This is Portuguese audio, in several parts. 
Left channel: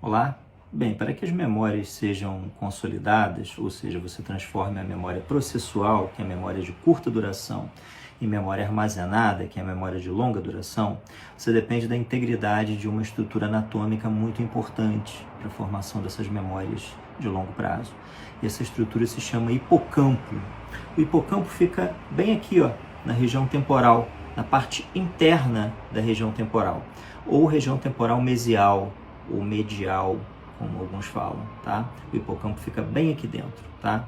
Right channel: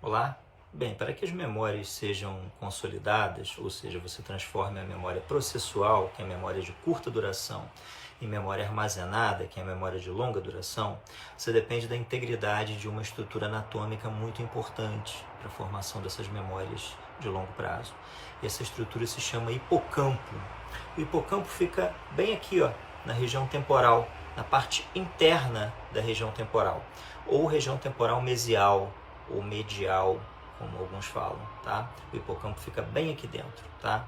Olá! Bem, para que as memórias sejam consolidadas, ou seja, você transforme a memória processual, que é a memória de curta duração, em memória armazenada, que é a memória de longa duração, você depende da integridade de uma estrutura anatômica muito importante para a formação dessas memórias de longo prazo. E essa estrutura se chama hipocampo. O hipocampo fica bem aqui, ó, na região temporal, na parte interna da região temporal, ou região temporal mesial, ou medial, como alguns falam, tá? O hipocampo fica bem aqui dentro, tá?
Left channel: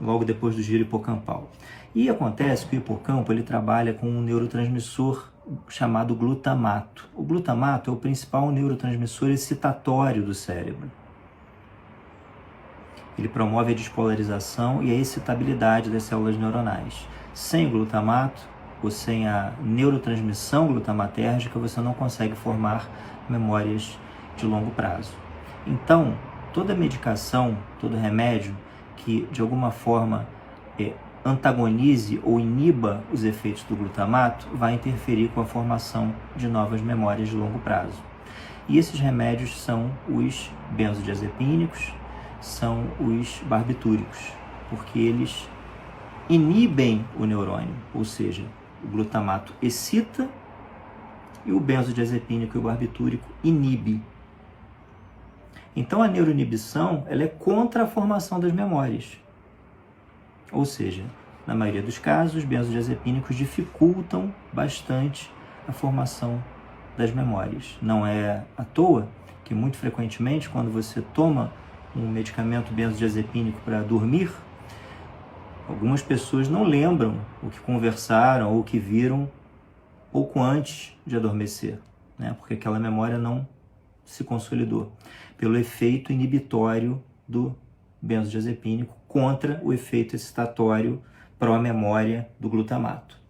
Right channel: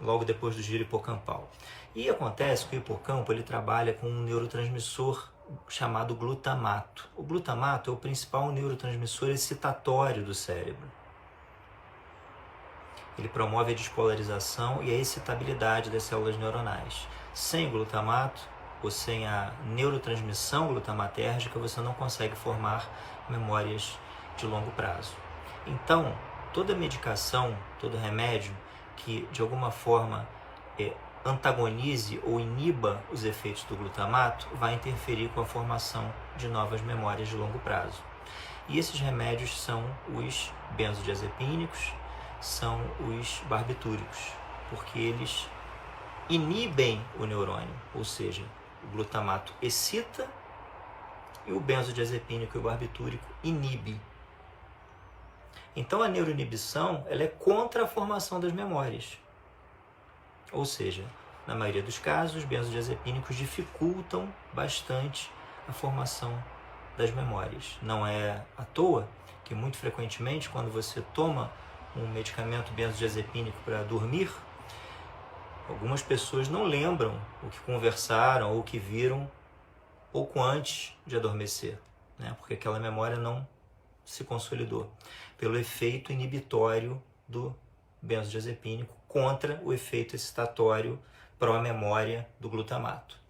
Logo depois do giro hipocampal. E acontece que o hipocampo ele trabalha com um neurotransmissor chamado glutamato. O glutamato é o principal neurotransmissor excitatório do cérebro. Ele promove a despolarização e a excitabilidade das células neuronais. Sem o glutamato, ou sem a neurotransmissão glutamatérgica, você não consegue formar memórias de longo prazo. Então, toda medicação, todo remédio que de alguma forma antagonize ou iniba os efeitos do glutamato vai interferir com a formação de novas memórias de longo prazo. E esses remédios são os benzodiazepínicos, são os barbitúricos, porque eles inibem o neurônio, ou seja, o glutamato excita e o benzodiazepínico e o barbitúrico inibe. Então, a neuroinibição ela é contra a formação das memórias. Ou seja, na maioria dos casos, os benzodiazepínicos dificultam bastante a formação das memórias. Não é à toa que, muito frequentemente, quando você toma um medicamento benzodiazepínico para dormir, algumas pessoas não lembram o que conversaram ou o que viram pouco antes de adormecer, né? Porque aquela memória não se consolidou pelo efeito inibitório do benzodiazepínico contra o efeito excitatório pró-memória do glutamato.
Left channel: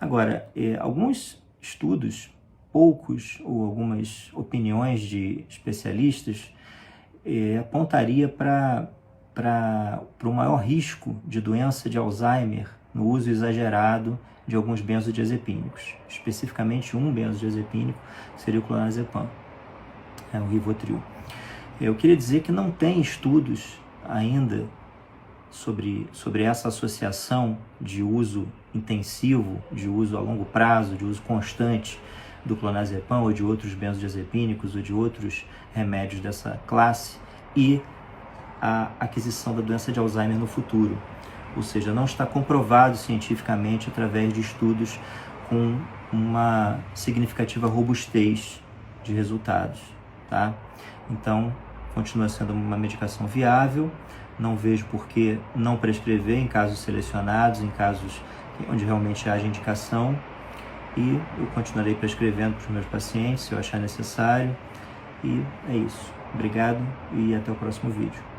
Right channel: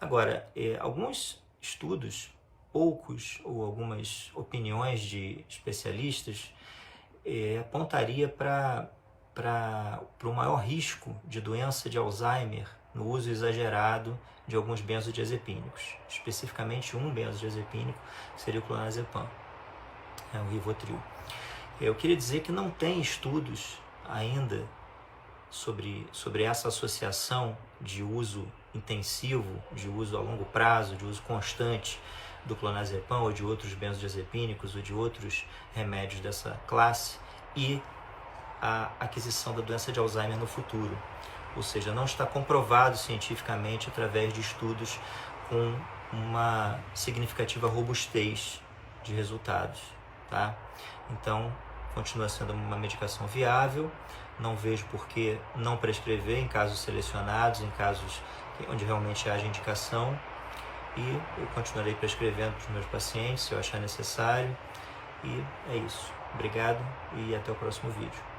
Agora, alguns estudos, poucos ou algumas opiniões de especialistas apontaria para o maior risco de doença de Alzheimer no uso exagerado de alguns benzodiazepínicos, especificamente um benzodiazepínico seria o clonazepam, o Rivotril. Eu queria dizer que não tem estudos ainda sobre essa associação de uso intensivo, de uso a longo prazo, de uso constante do clonazepam ou de outros benzodiazepínicos ou de outros remédios dessa classe e a aquisição da doença de Alzheimer no futuro. Ou seja, não está comprovado cientificamente através de estudos com uma significativa robustez de resultados, tá? Então, continua sendo uma medicação viável, não vejo por que não prescrever em casos selecionados, em casos onde realmente haja indicação, e eu continuarei prescrevendo para os meus pacientes se eu achar necessário, e é isso. Obrigado e até o próximo vídeo.